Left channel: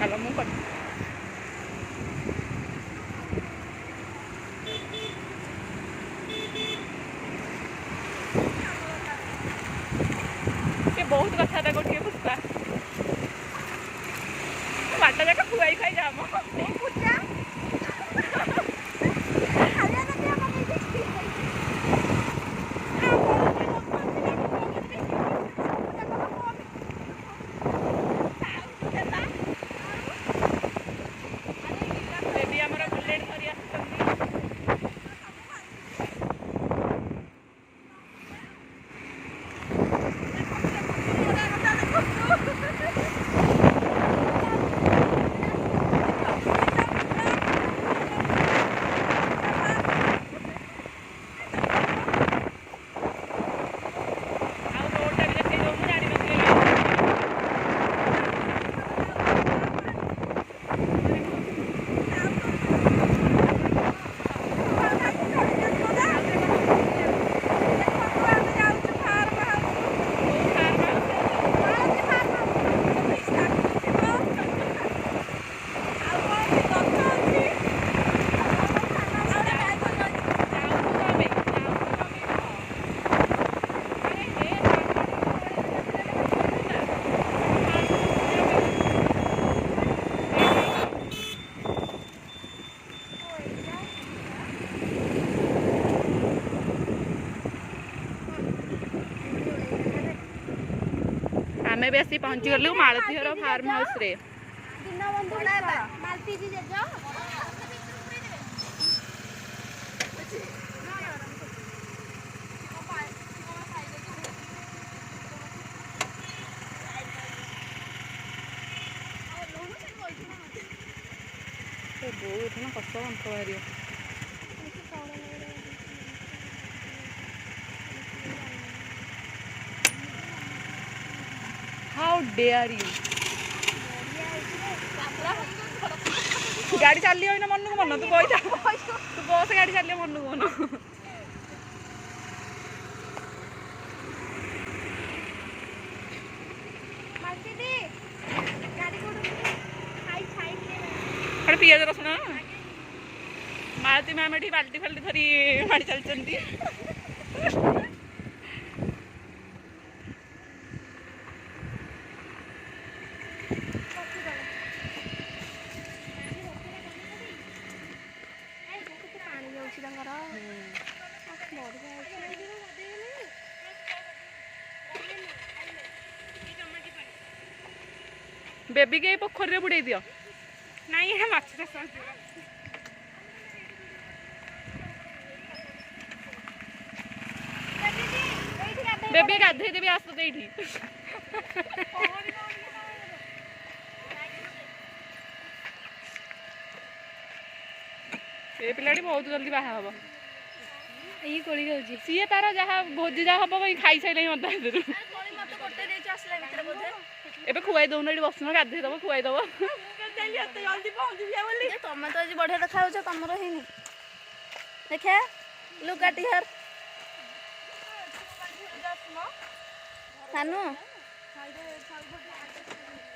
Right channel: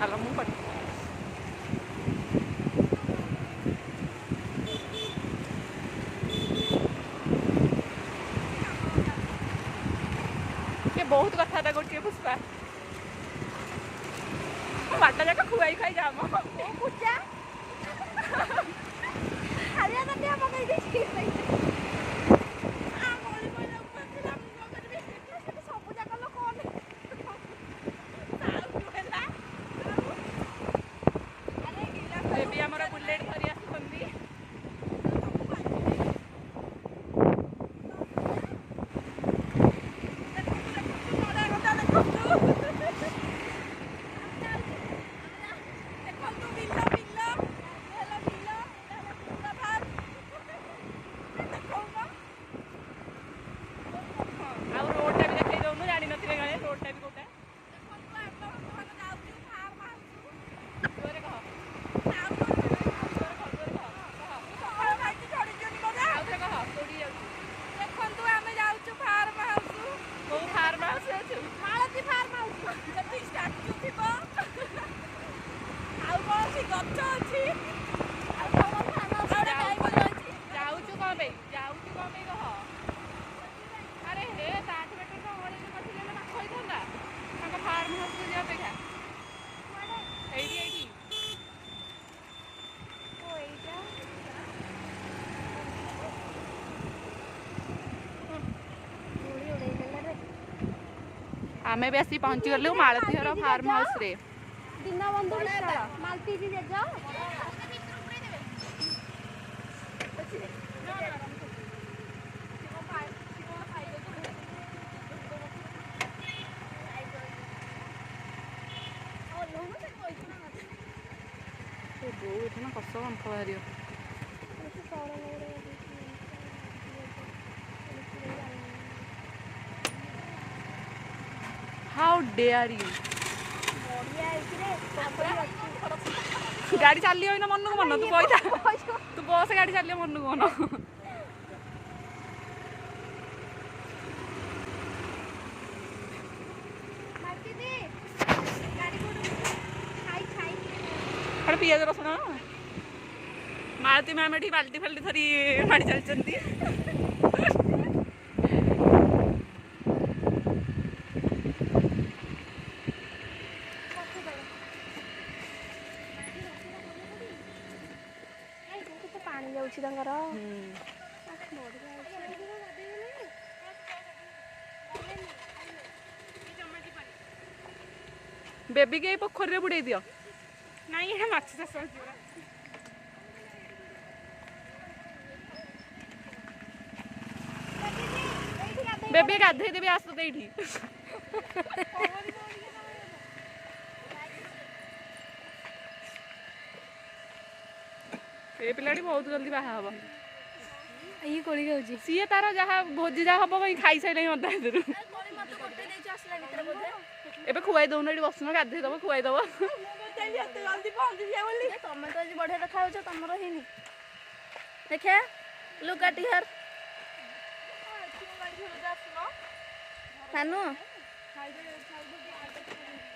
Kalau mau kok. के बहुत कथा था गोटे पुष्पा बाटा जाक खुआई खाई जाम पूजा बेबी आमर बुलेट धरी आसुचंदी आमे भी आसी पहुंची गलु मालती हर फार्म हाउस रे दीनबंधु मालती जी जज बहुत ना कष्ट कंफ बाहर हाउ डेयर यू गाड़ी चलिए ना मन को मन तू कही तू बस गाड़ी चलिए मन को मन पियाज रसुण मालती मैम ये बाल्टी फाल्टी धरी माड़ी चलती बेबी के पोखरी रे बुड़े दियो नहीं है माछ से बेबी गाधे देबी आस तो एठी ए पिलाडी बहुत जल्दी बाहा हबो ई कोली जाउची सीए तारा जहा भोजी जा हबो भाई खाई साइले मत हेदरु एबे खुआई दउन एठी बसनो गाधे दबो खुआई दबो जल्दी पहुंच जिया बोली तुम तो आज बढ़िया देखा हो तमरो हिनी देखे लुक एट हियर सानू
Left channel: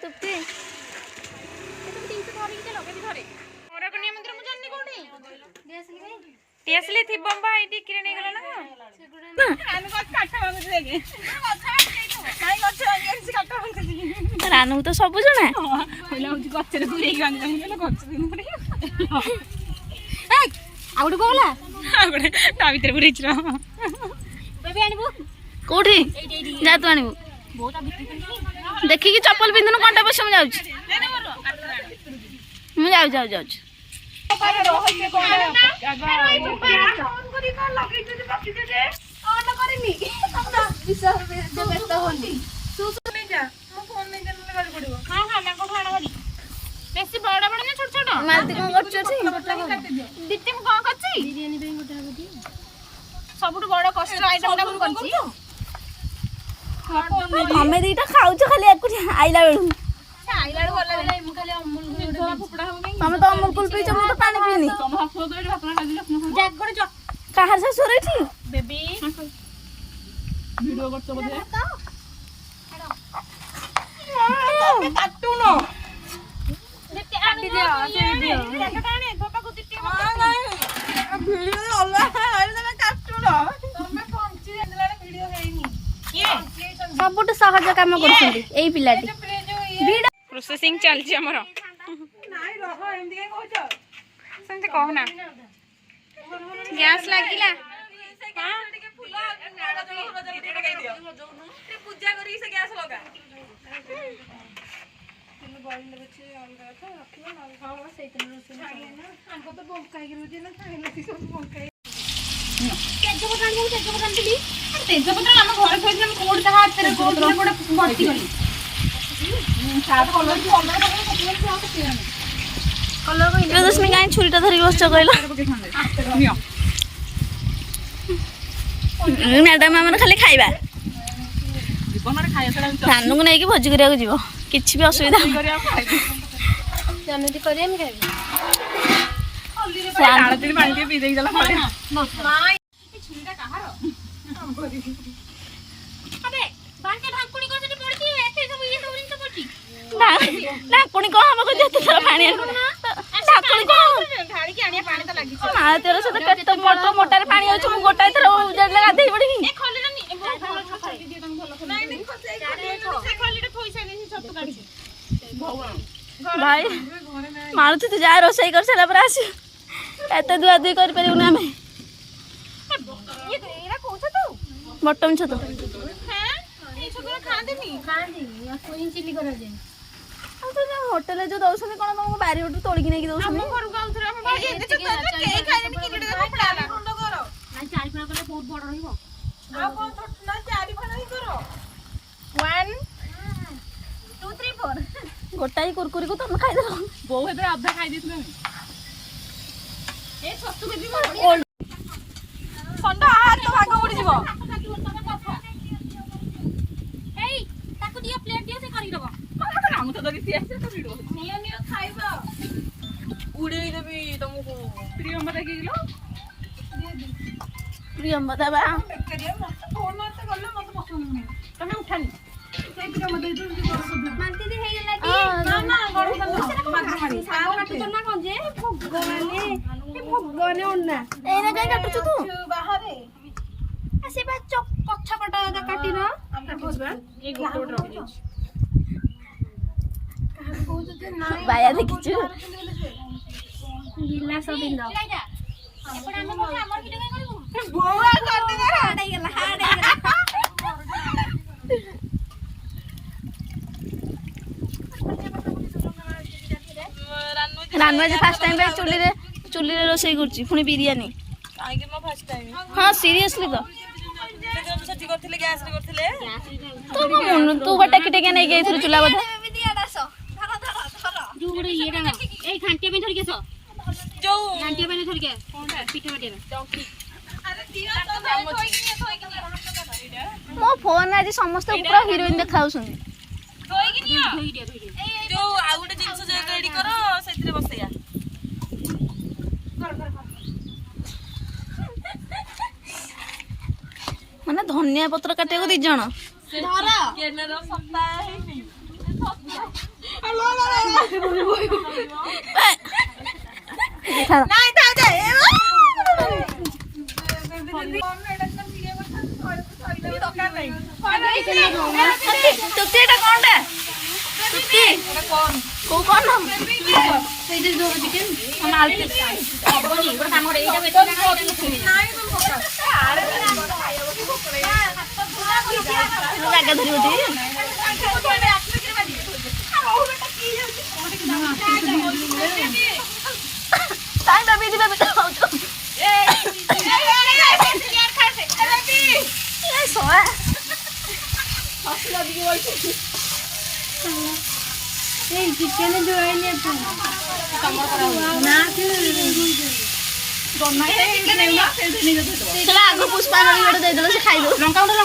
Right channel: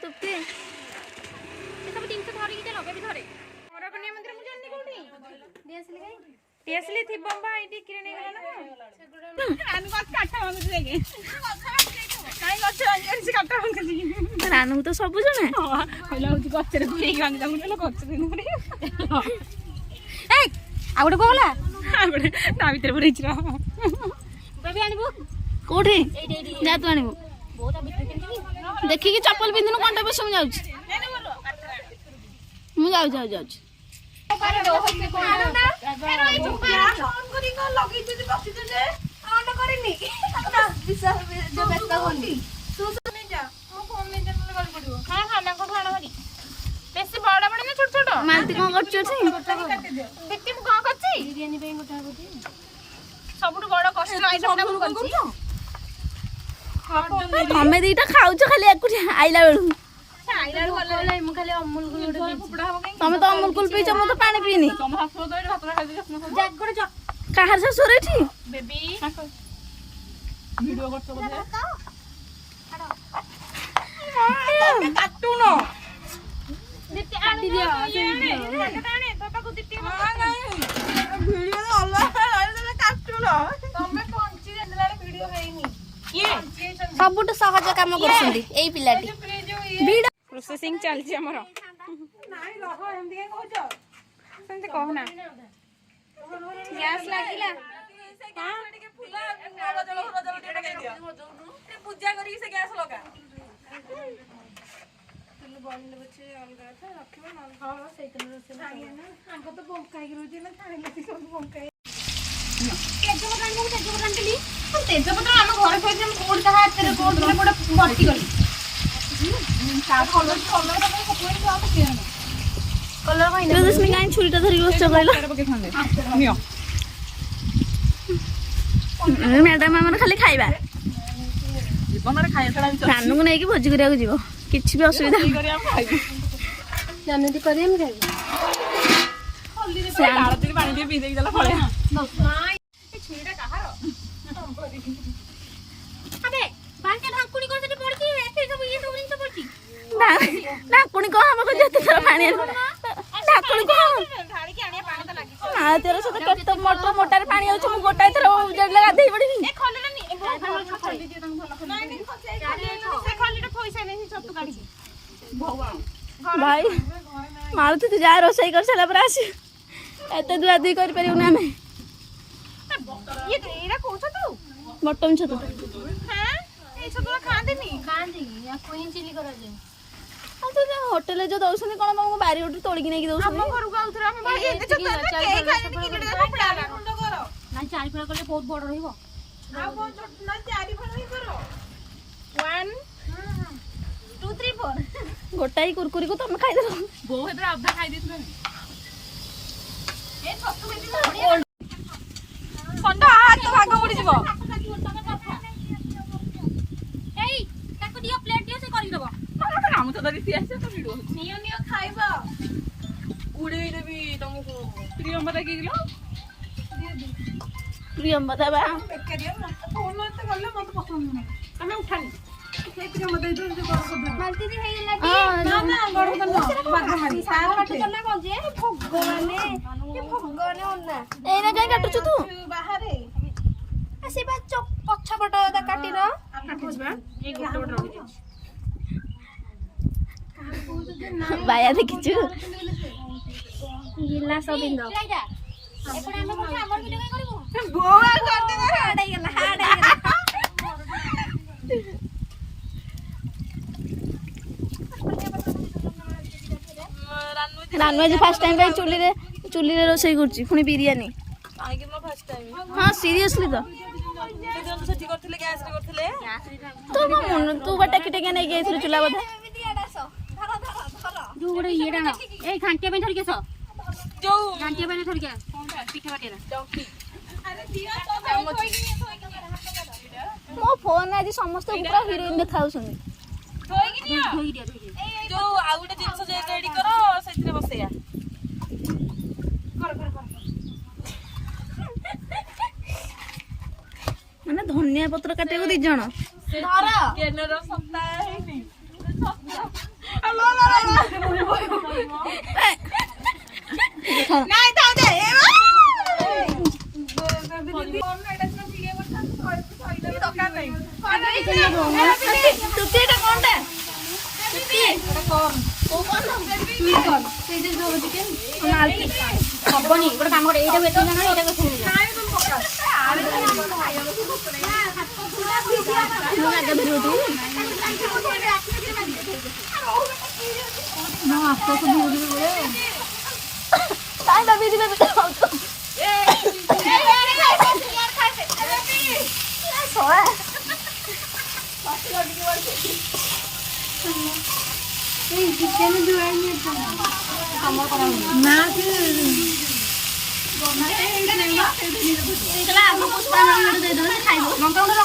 तुप्ती ये सब तीन से धरी के लगे धरे मोरा कन्या मंदिर मु जाननी कोठी देसली गई टेसली थी बम्बा आईडी किरे नहीं गला ना आन को काटा मांगु देगे काई गछ आनी से काटा मांगु रानू तो सब जणा कहला होची गछरे पुरी गांग जामु देला गछ दिन पुरी ए आउड कोला आगडे ता भीतर पुरी छिरा बेबी आनिबू कोठी जा तू आनिबू बहुत भीतर देखि कि चप्पल पिंदनु कोंटा बस हम जाउछ मु जाउछ अरे रोह के कोन आगा फोन करी को लगै जदी बकि दे ऑन करिनी विश्वास जे व्यस्त होनी तू तो नहीं जा मो फोन नहीं दे गाड़ी पड़ो हां हां ना को खाना करी बेसी बड़ा बड़ा ना छोट छोट मालती कोन करछ छी दित्ते मु कोन करछि बिरयानी पे गोटा गोटी सबुट बड़ कष्ट आइटम ना कोन करछि हमें दीटा खाउछ खाली एकुटी आइला बेलु तमें तो अमूल कुल पीछ मु तो पानी पीनी कहार ससुर एठी बेबी वीडियो करछ बोले काटू न ସବୁଠୁ ସହଜ କାମ କରୁଛନ୍ତି ଏଇ ପିଲାଟି। ପ୍ରୋସେସିଂ ଚାଲିଛି ଆମର। ସେମିତି କହନା। ଗ୍ୟାସ୍ ଲାଗିଲା। ପୂଜା କରିକି ସେ ଗ୍ୟାସ୍ ଲଗା। ତେଜପତ୍ର ଆମ ଘରେ ଥୋଇଥିଲେ ମୁଁ କୋଉଠି କାହା ହାତରେ କୋଉଠି ଭର୍ତ୍ତି କଲି। ପ୍ରିୟଦର୍ଶିନୀ କାହିଁ ଛୁରୀଟା ଧରିକି ବସିଛ କହିଲ? ମ୍ୟାଡାମ ଆମର ଖାଲି ଖାଇବା। ରାନୁକୁ ନେଇକି ଭୋଜି କରିବାକୁ ଯିବ, କିଛି ବି ଅସୁବିଧା ଢାକୁଣି କଣ ହବ ଯେତେ ଥର ପାଣି ଢାକୁଣି କଣ ମାଳତୀର ସହିତ କେତେ ମୋଟାରେ ପାଣି ଅଛି। ମୁଁ ଗୋଟାଏ ଥର ଗାଧେଇ ପଡିବି। ଭାଇ ମାଳତୀ ତୁ ଯାହା ରୋଷେଇ କରିସାରିଲା ପରେ ଆସି ଏତେ ଧୁଆ ଧୁଇ କରିପାରିବୁନି ଆମେ। ବଟମ ଛତୁ ହୋଟେଲରେ ଯୋଉ ଦଉଛନ୍ତି କଣ ତମକୁ ବାରି ଉଠି ତୋଳିକି ନେଇକି ଦଉଛନ୍ତି? ଗୋଟାଇ କୁରକୁରିକୁ ତମେ ଖାଇଦେବ। ବୋଉ ହେତରେ ଅଧା ଖାଇ ଦେଇଥିଲା। ପ୍ରିୟମ୍ବଦା ବା ତମେ ଉଠାନି। କାଟୁଛୁ ତୁ ପଛପଟ କାଟିର ବାୟା ଦେଖିଛୁ? ଗିଲାସ ବିନ୍ଦ ରାନୁ ଆଜି ଫାର୍ଷ୍ଟ ଟାଇମ୍ ପାଇଁ ଚୁଲିରେ ରୋଷେଇ କରୁଛି, ପୁଣି ବିରିୟାନୀ। ହଁ ସିରିୟସଲି ତ ତୁ ବା ଟେକି ଟେକି ନେଇକି ଯାଇଥିଲୁ ଚୁଲା ବୋଧେ। ଯୋଉ ଗୋଟେ ଇଏଟା ଏଇ ଘାଣ୍ଟିଆ ପାଇଁ ଧରିକି ଆସ, ଘାଣ୍ଟିଆ ପାଇଁ ଧରିକି ପିଠା ବାଟିଆ। ମୋ ଫୋନ୍ ଆଜି ସମସ୍ତେ ପୁରା ହିରୋଇନ୍ ଦେଖାଉଛନ୍ତି। ଯୋଉ ଆଉ ଗୋଟେ ଜିନିଷ ରେଡି କର, ସେଥିରେ ବସେଇବା। ମାନେ ଧନିଆ ପତ୍ର କାଟିବାକୁ 2 ଜଣ। ହବନି ଗୋଟେ କାମ କର, ଏଇଟା ବେଟର ଜାଣା, ଏଇଟା ଜାଗା ଧରିବ ଚିକେନ ଯୋଉ ଆଇନି ତମର କରା ନା ଆଗ ପୁଷ୍ପା ଗୋଟେ ଦେଇଦେଲେ ସେ ଖାଇଦବ। ଲଙ୍କା ଗୁଣ୍ଡ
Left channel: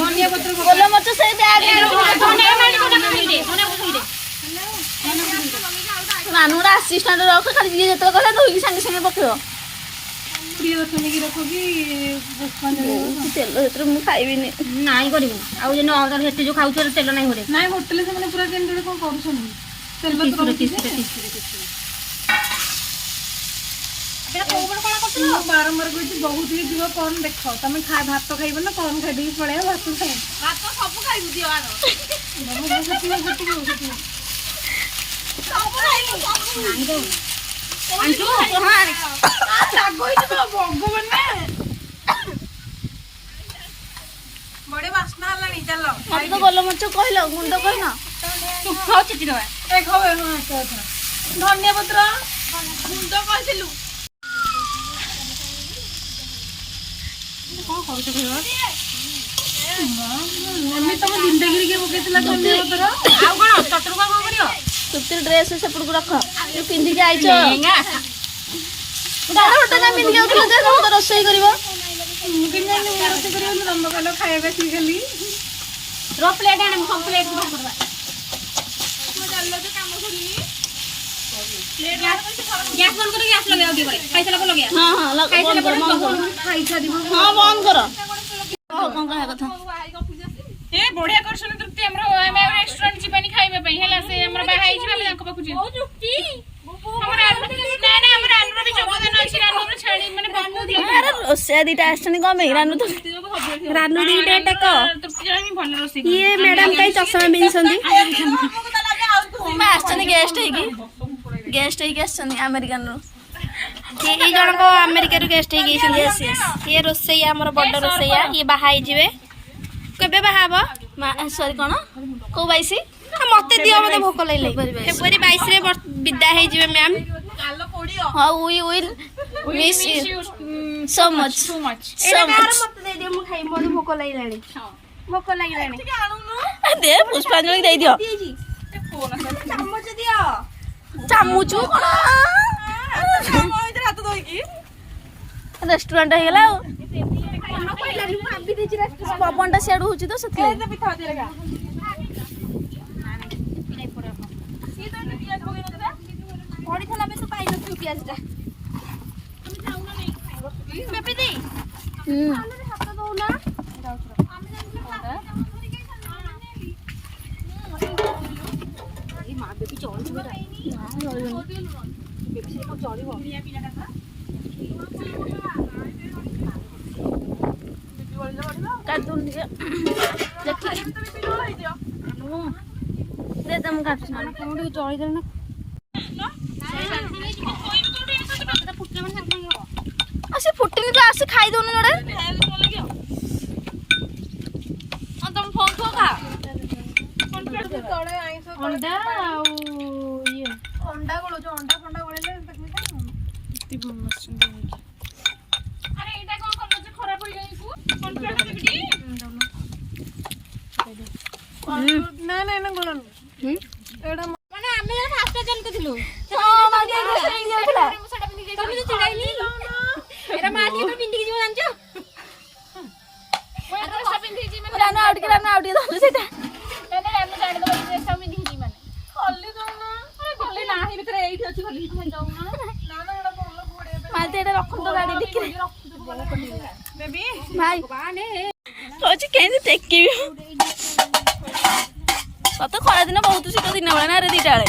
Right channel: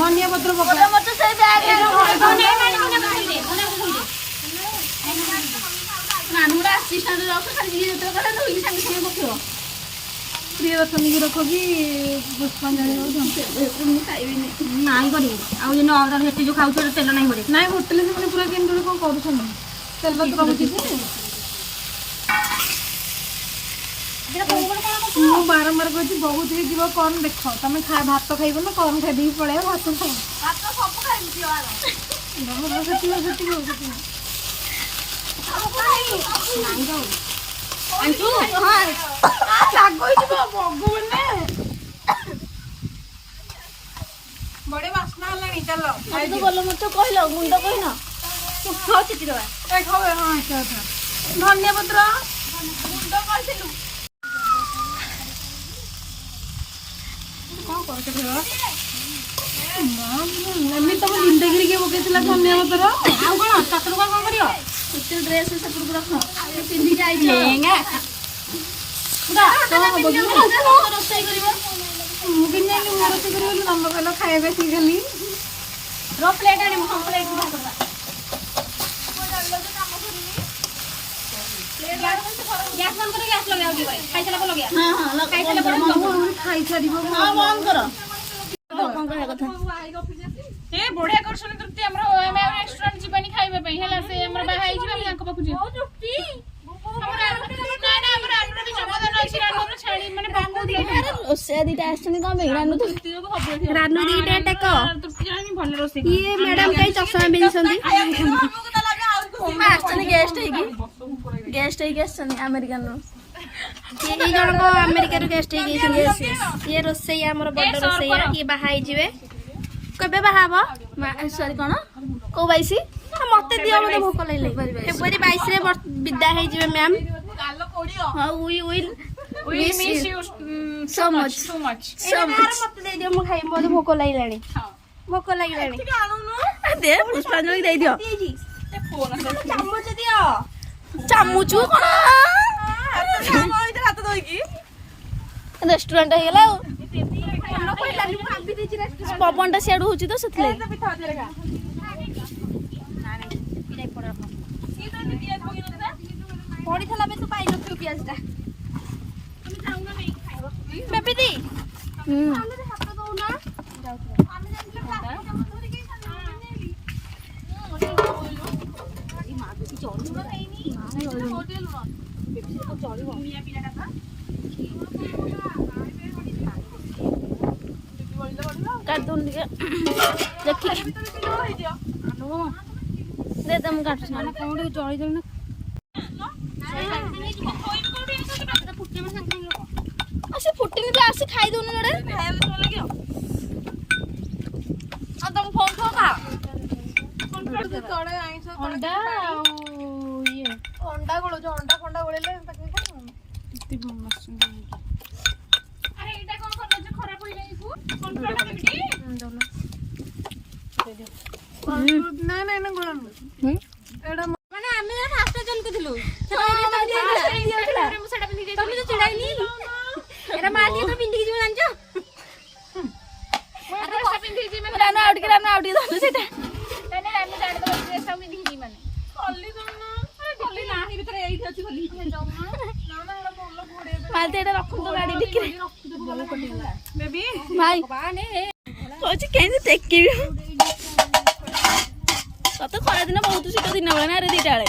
ଧନିଆ ପତ୍ର ଗୋଲମରିଚ ସେଇ ବ୍ୟାଗ ମାନୁର ଆସିଷ୍ଟାଣ୍ଟ ରଖ, ଖାଲି ଯିଏ ଯେତେବେଳେ କହିଲା ଧୋଇକି ସାଙ୍ଗେ ସାଙ୍ଗେ ପକେଇବ। ପ୍ରିୟଦର୍ଶନୀ କି ରଖ କି ପୁଷ୍ପାଞ୍ଜଳି ତେଲ ସେଥିରେ ମୁଁ ଖାଇବିନି। ନାଇଁ କରିବୁ ଆଉ ଯେନ ଅଦର ହେଠି ଯୋଉ ଖାଉଛ ତେଲ ନାହିଁ ଗୋଟେ ନାଇଁ ହୋଟେଲରେ ସେମାନେ ପୁରା କେମିତି କଣ କରୁଛନ୍ତି ତେଲ ତ ମୁଁ ବାରମ୍ବାର କହିଛି ବହୁତ ହେଇଯିବ କର୍ନ ଦେଖ ତମେ ଭାତ ଖାଇବ ନା କର୍ନ ଖାଇଦେଇକି ପଳେଇବ ଭାତ ଖାଇ ବଢିଆ ବାସ୍ନା ହେଲାଣି ଚାଲ ମତେ ତ ଗୋଲମରିଚ କହିଲ ଗୁଣ୍ଡ କହିନ ଧନିଆ ପତ୍ର ଗୁଣ୍ଡ କହିଥିଲୁ କଣ କରୁଛ କହିବ ଆମେ ତମ ଜିନ୍ଦଗିରେ କିଏ ପକେଇଥିଲା ଧନିଆ ପତ୍ର ଆଉ କଣ ଚଟଣି କଣ କରିବ ତୃପ୍ତି ଡ୍ରେସ୍ ସେପଟକୁ ରଖ ଯୋଉ ପିନ୍ଧିକି ଆଇଛ ପିନ୍ଧିକି ଯାଉଥିଲ ଯେ ତମେ ତ ରୋଷେଇ କରିବ ମୁଁ କେମିତି ଯାଇକି ମୁଁ ରୋଷେଇ କରିବାକୁ ତମ କହିଲ ଖାଇବା ଆସିକି ଖାଲି ପ୍ଲେଟ୍ ଆଣେ ମୁଁ ସବୁ ପ୍ଲେଟ୍ ଗ୍ୟାସ୍ ବନ୍ଦ କରି ଗ୍ୟାସ୍ ଲଗେଇ ଟିକେ ଖାଇସାରିଲା ପରେ ଲଗେଇବା ହଁ ହଁ ବନ୍ଦ କର ଖାଇସାରିବ ହଁ ବନ୍ଦ କର କଣ କହିବା କଥା ଏ ବଢିଆ କରୁଛନ୍ତି ତୃପ୍ତି ଆମର ଆମେ ରେଷ୍ଟୁରାଣ୍ଟ ଯିବାନି ଖାଇବା ପାଇଁ ହେଲା ସେ ଆମର ବାହା ହେଇଯିବେ ଆମେ ତାଙ୍କ ପାଖକୁ ଯିବୁ ଆମର ଆମର ଆନୁର ବି ଯୋଗଦାନ ଅଛି ରାନୁର ଛାଣି ମାନେ ଆରେ ରୋଷେଇଆ ଦିଟା ଆସିଛନ୍ତି କଣ ପାଇଁ ରାନୁ ଦିଟା ଟକ ତୃପ୍ତି ଜଣେ ଭଲ ରୋଷେଇ ଇଏ ମ୍ୟାଡାମ କାଇଁ ଚଷମା ପିନ୍ଧିଛନ୍ତି ଆସିଛନ୍ତି ଗେଷ୍ଟ ହେଇକି ଆସିଛନ୍ତି ଆମେରିକାନରୁ ଏଇ ଜଣକ ଆମେରିକାରୁ ଗେଷ୍ଟ ହେଇକି ଆସିଛନ୍ତି ଇଏ ରୋଷେଇଆ ଆମର ବଡ ରୋଷେଇଆ ଇଏ ବାହା ହେଇଯିବେ କେବେ ବାହା ହବ ସରି କଣ କୋଉ 22 ମତେ ଦିଅ ମତେ ଭୋକ ଲାଗିଲେ ଫେବୃଆରୀ 22 ରେ ବିଦା ହେଇଯିବେ ମ୍ୟାମ୍ ହଁ we will miss you so much ମତେ ଦେଇ ଦିଅ ମୁଁ ଖାଇବି ମତେ ଭୋକ ଲାଗିଲାଣି ଦେ ପୁଷ୍ପାଞ୍ଜଳି ଦେଇ ଦିଅ ଚାମଚ ଦିଅ ଚାମୁଚ କଣ ରେଷ୍ଟୁରାଣ୍ଟ ହେଇଗଲା ଆଉ ପବନଟା ସିଆଡୁ ହଉଛି ତ ସେଥିଲାଗି ପଡିଥିଲା ବେଶ ପାଇନଥିଲୁ ପିଆଜଟା ବେବି ଦି ହାତ ଦଉନା କାଟୁନ ଟିକେ ଦେଖି ଦେ ଦେ ମୁଁ କାଟୁଛି ନା କୋଉଠି ଚଳିଦେଲି ନା ସେ ଫୁଟିନି ତୁ ଆସି ଖାଇଦଉନି ଯୋଡ଼େ ତମ ଫୋନ ଥୁଅ ଖା ଅଣ୍ଡା ଆଉ ଇଏ ଅଣ୍ଡା ଗୋଳଉଛ ଅଣ୍ଡା ଫଣ୍ଡା ଗୋଳେଇଲେ ତାକୁ ଆରେ ଏଇଟା କଣ କରୁଛ ଖରାପ ହେଇଯାଇଛି ନାଇଁ ନାଇଁ ନା ଗୋଳନ୍ତୁ ଏଇଟା ମାନେ ଆମେ ଫାଷ୍ଟ ଚାଲୁଥିଲୁ ତମେ ତ ଚିଡାଇନି ଏରା ମା ଟିକେ ତ ପିନ୍ଧିକି ଯିବ ଜାଣିଛ ରାନୁ ଆଉ ଟିକେ ଧନୁ ସେଇଟା ମାଲତି ଏଇଟା ରଖନ୍ତୁ ଗାଡି ଟିକିରେ ଭାଇ କହୁଛି କେମିତି ଟେକିବି ତତେ ଖରାଦିନ ବହୁତ ଶୀତ ଦିନ ବେଳେ ନା ରେ 2ଟା ବେଳେ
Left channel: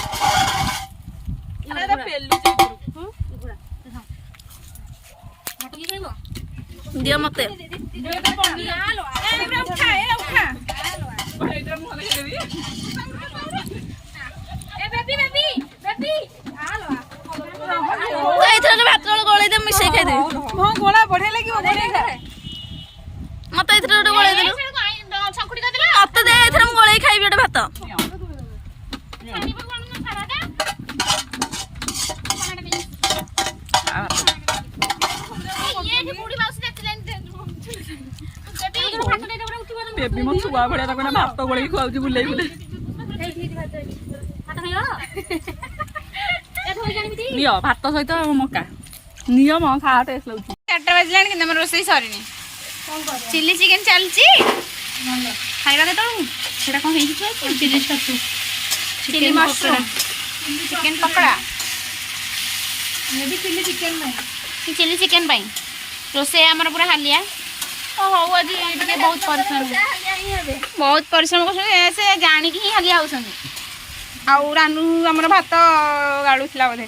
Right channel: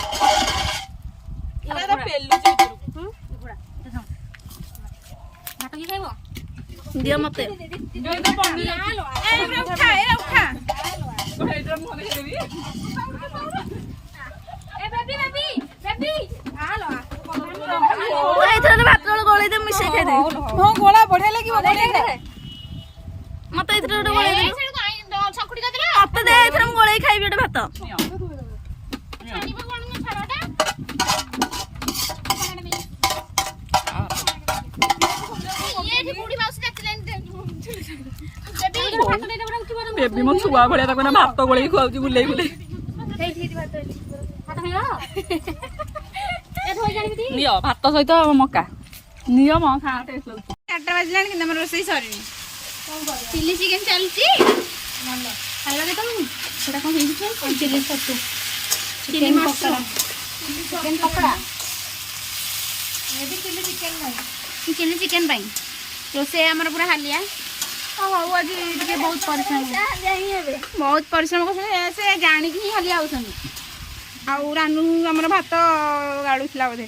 ଦିଅ ମତେ ଏଇଥର ଭାତ ଗୋଳେଇ ଦେ ମିଶେଇ ଖାଇଦେବି ମତେ ଏଇଥର ଗୋଟେ ଗୋଳେଇ ଦେଲୁ ମତେ ଦେ ଏଇଥର ମୁଁ ଗୋଳେଇ ଖାଇବି ଗୋଟେ ଭାତ ବେବି ମୋ ଛୁଆ ଭଳିଆ ତାକୁ ନା ଭାତ ଗୋଳେଇ ଖୁଆଉଛି ବୁଲେଇ ବୁଲେଇ ନିଅ ଭାତ ସହିତ ମକା ନିଅ ମ ଖା ଟେଷ୍ଟ ଲାଗୁଛି 4ଟା ବାଜିଲାଣି କିନ୍ତୁ ଆମର ରୋଷେଇ ସରିନି ଚିଲି ଚିକେନ ଚାଲିଛି ଖାଇବା କେତେବେଳକୁ ସେଟା କଣ ହେଇଛି chilli mushroom chicken pakora chilli chicken ପାଇଁ रोसे आमर पूरा हालिया हौ आज टे बहुत परिश्रम कर से जाणिकी ही हालिया होसन आउ रानू आमर भात गाड़ूला बोधे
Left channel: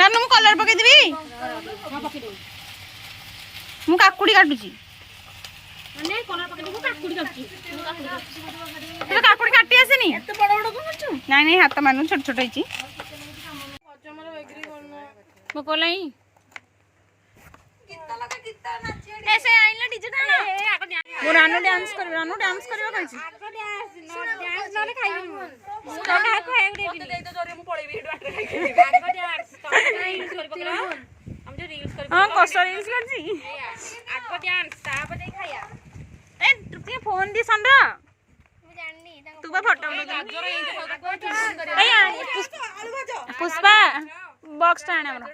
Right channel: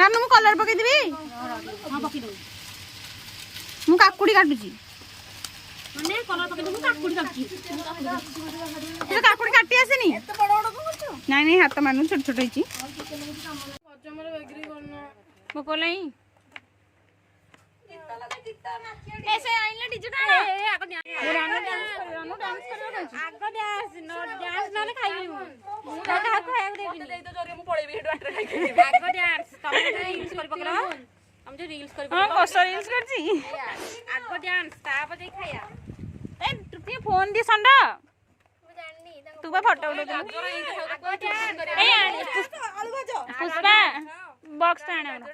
रानू मु कलर पकईदेवी मु काकुड़ी काटुची काकुड़ी काटी आसेनी नाई नाई हाथ मानु छोट छोट होइची मो कोलाई ऐसे आइला डीजे वो रानू डांस करबा कहछि आगो डांस न खाइबे मु का खाए दे तो जरे मु पळेबी हेडु आटर खाइ आगो डांस तो यूज कर पकड़ा हम जो रील्स कर हां कसर यूज करछि आगो डांस ताप दे खाया ए तू फोन दी संधा मु जाननी तू बा फोटो उठो ए पुष्पा बॉक्स टाणे हमरा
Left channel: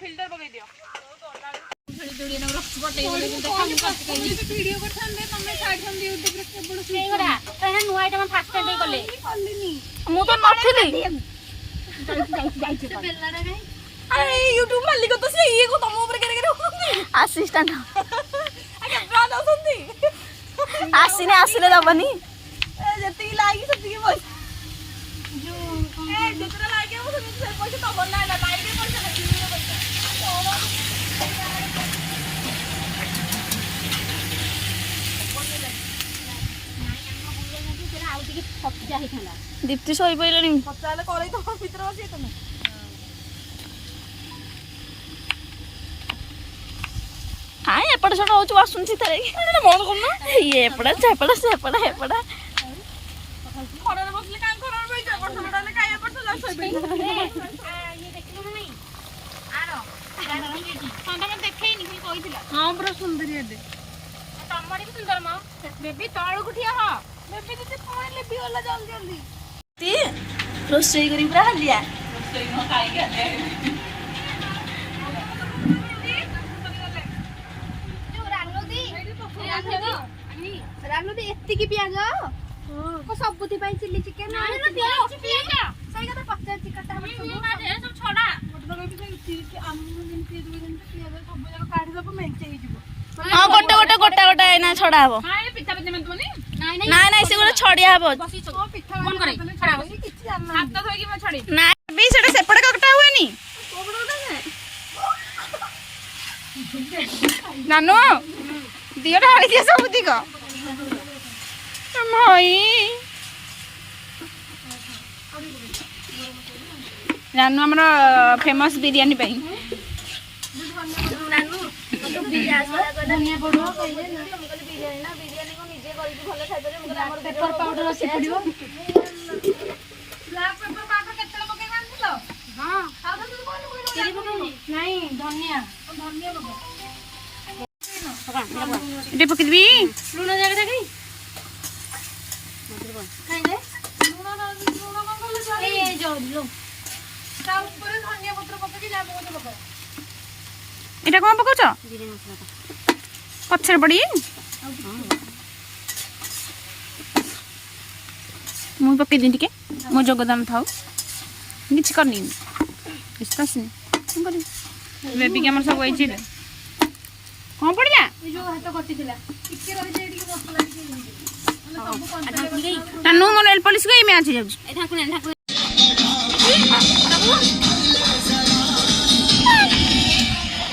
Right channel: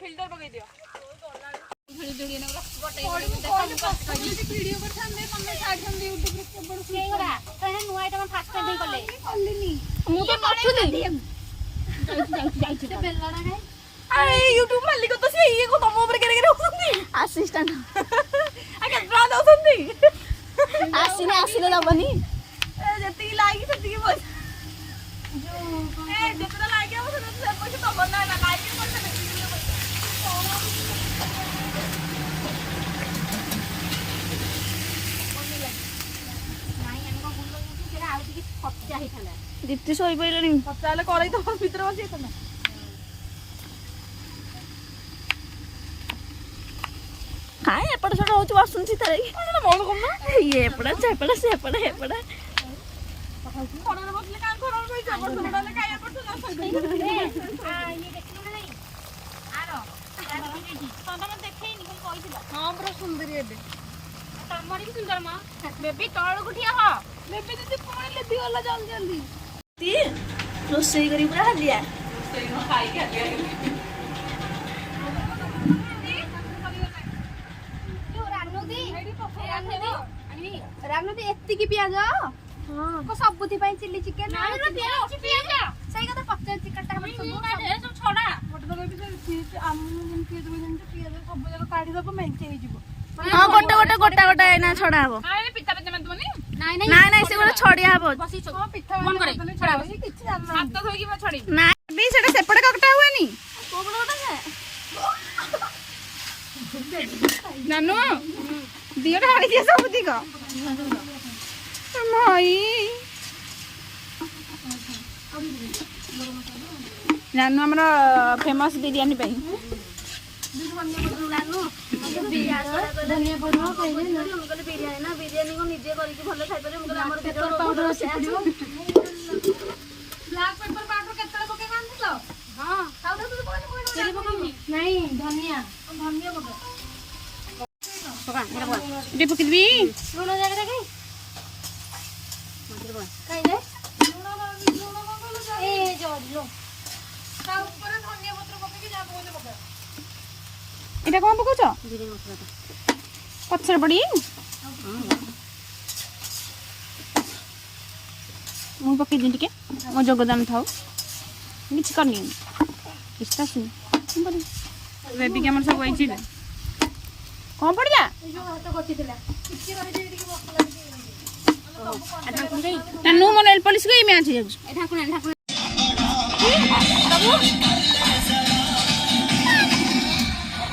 फिल्टर पकई दियो वीडियो करथांदे तमे छाडथांदे यूट्यूब रे केबड़ सेगरा तने नुवा आइटम फास्ट कर दे कले मु तो नथिली जाई से बेलना रे अरे यूट्यूब मालिक तो से ये को तम ऊपर करे करे असिस्टेंट आके ब्रा दउथंदी आसिने दबनी जति लागी सति के बस जो ए जितना लागे हम से पैसा तो बना लागे पैसा लगी दीप्ति सोई पइलनी पचाले करई तो भीतर बसी तुम काय एपड़ सब होच बसुन छी तरे मन करना ये एपड़ा सेपड़ा खरा रे बसले काम खरा रे बई जबर सबडाले काय एपड़ सब सोई पइल ये देखलो नहीं आरो संदा में देखै नि खाली कहितला हां पूरा सुंदर ये तमरी भी सुंदर मां बेबी तळ गुठिया ह बेबी दीदी कोन लेबी वाला जल्दी ती रोसई करी पूरा हलिया रोसई न खाई के जो रानू दी एत्ती की पियाज को सबुती पाई चिल्ली चिकन सही कथा पक्का चिकन ता हम सब छोड़ा मोटर बेबी चीज आम पियाज पियाज सब जगह काढी दब मेंचे ही जीवो हां गोटा एना छड़ा हबो हां पिठा पिठा में तुनी नाई से गोटा छड़िया हबो हां पिठा मन करे छड़ा हो किछ जानना हाथ तो होई कि म छड़ी ना बे सेटा सेपड़ कटा हुएनी नानो दियो ढाली दिया सब दिक मई नानो हमर फेमस बिरयानी पई धनिया पड़ो कहिले न हमकले बिरयानी ना बिरयानी को निजे करी के भलो खाइ परे हमकले हमर पेपर पाउडर अछि पड़ियो ब्लैक पेपर पाउडर केतले पके कानथलो हां खाउ तो कोन चिली पके नहीं धनिया पके पका मेरा बा एटे पके दिबी लूण जाके देखै मटर बा खाइले लूण कोन कोन जाई ए जो ता ऊपर धनिया पत्र पके के जाको मते पका एटा कोन पकाउछ जीरे मसला पछर बड़ी मु पके दिन टिके मो जोगदान थाउ किछ करनी किछ नहीं कर बेबी के हमर सब वही छिले कोन पड़ जा ए जो हाथ कटि दिला इके रहि जे टिके मसला आ ढाकुन गई तनु मोर नेल पॉलिश गई मैं आछि जाउ ए ढाकुन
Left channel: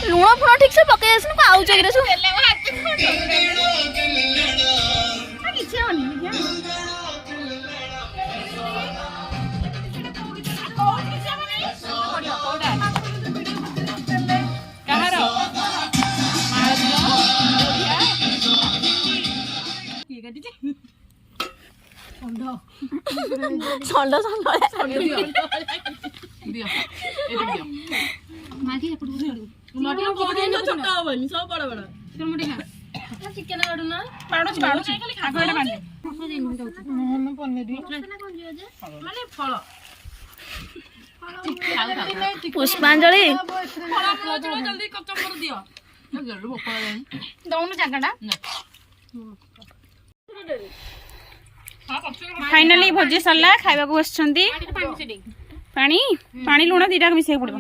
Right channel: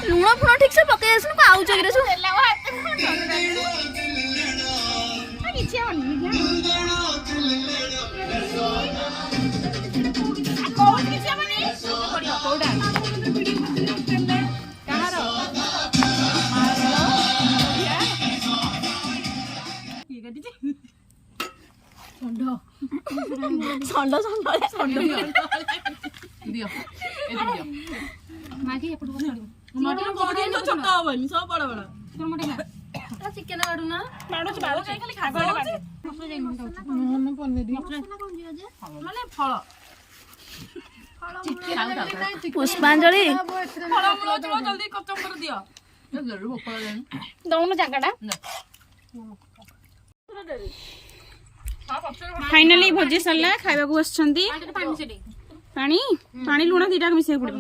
लूण फुण ठीक से पके आसन को आउ जगरे छु चिकेन बाडू ना बाडू खाली खागडा माने फल पुष्पांजलि जल्दी कचम्बर दियो ଦଉନ ଜାଗାଟା ଫାଇନାଲି ଭୋଜି ସରିଲା ଖାଇବାକୁ ବସିଛନ୍ତି ପାଣି ପାଣି ଲୁଣ ଦିଟା ମିଶେଇବାକୁ ପଡିବ